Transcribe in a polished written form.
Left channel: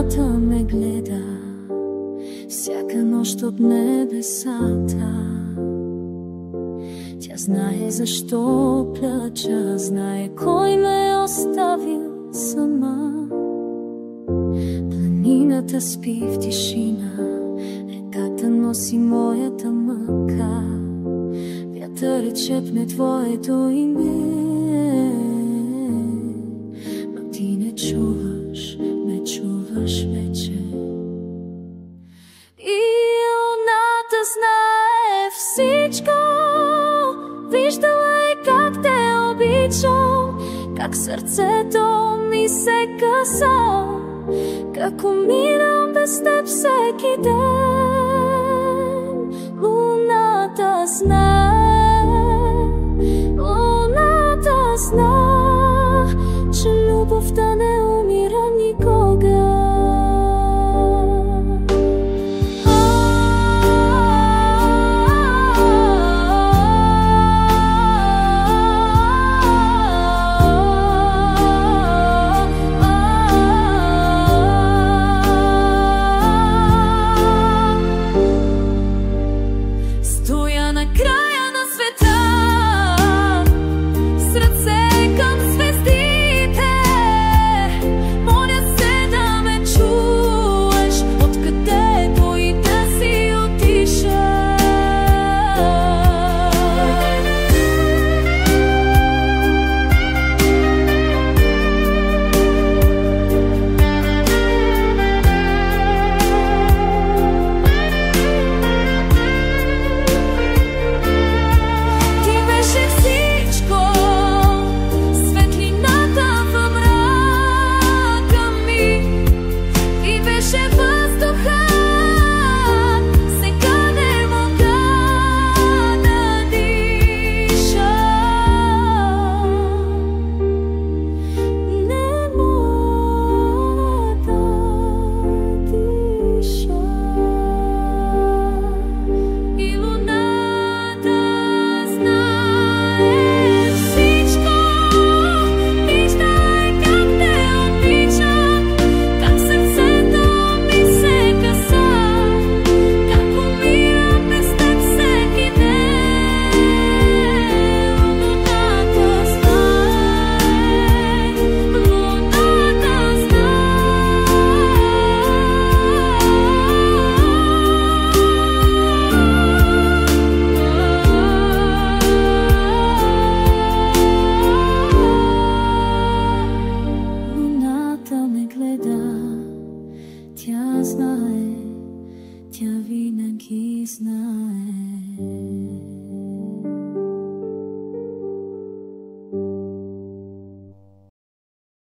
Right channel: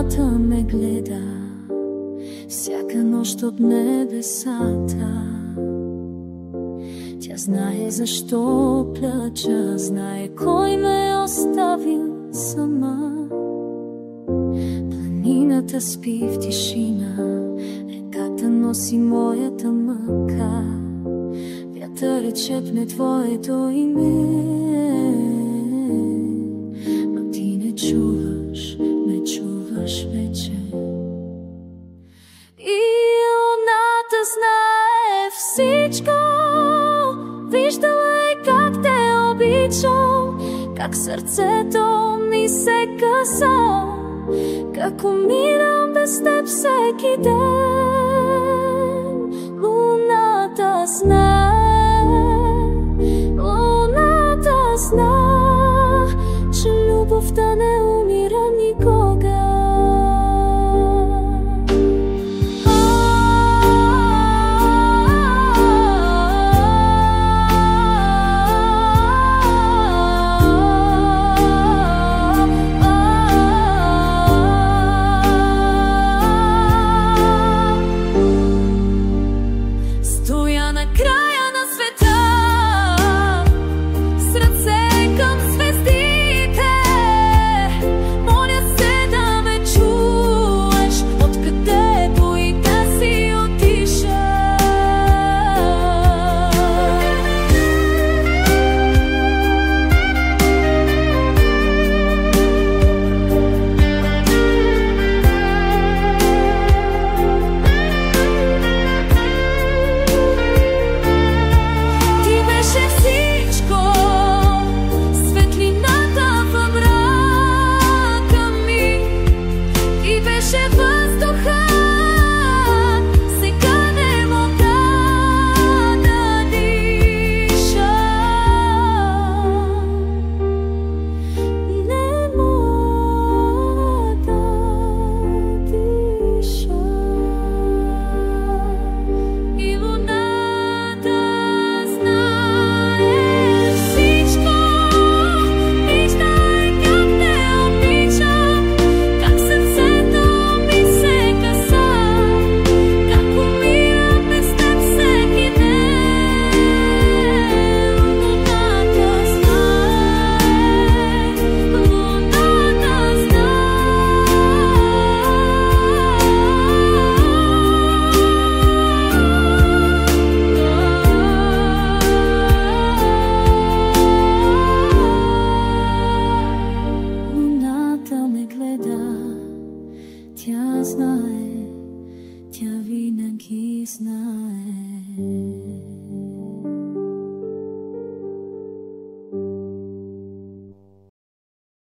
Луната ме гледа всяка нощ от небесата. Тя знае защо плача, знае кой ме е оставил сама. Планината спи в тишина, реката носи моята мъка. Вятърът шепне твоето име, но ти не чуваш вече. И луната знае всичко, виждала е как те обичам, как сърцето ми се къса, как умирам без теб всеки ден. Луната знае, че любовта не умира никога. Стоя на края на света, с ръце към звездите, моля се да ме чуеш, откъдето и да си отишъл. Беше въздуха, сега не мога да диша. Не мога да диша. И луната знае всичко, вижда е как те обичам, как сърце ме гледа, тя знае, тя винаги знае.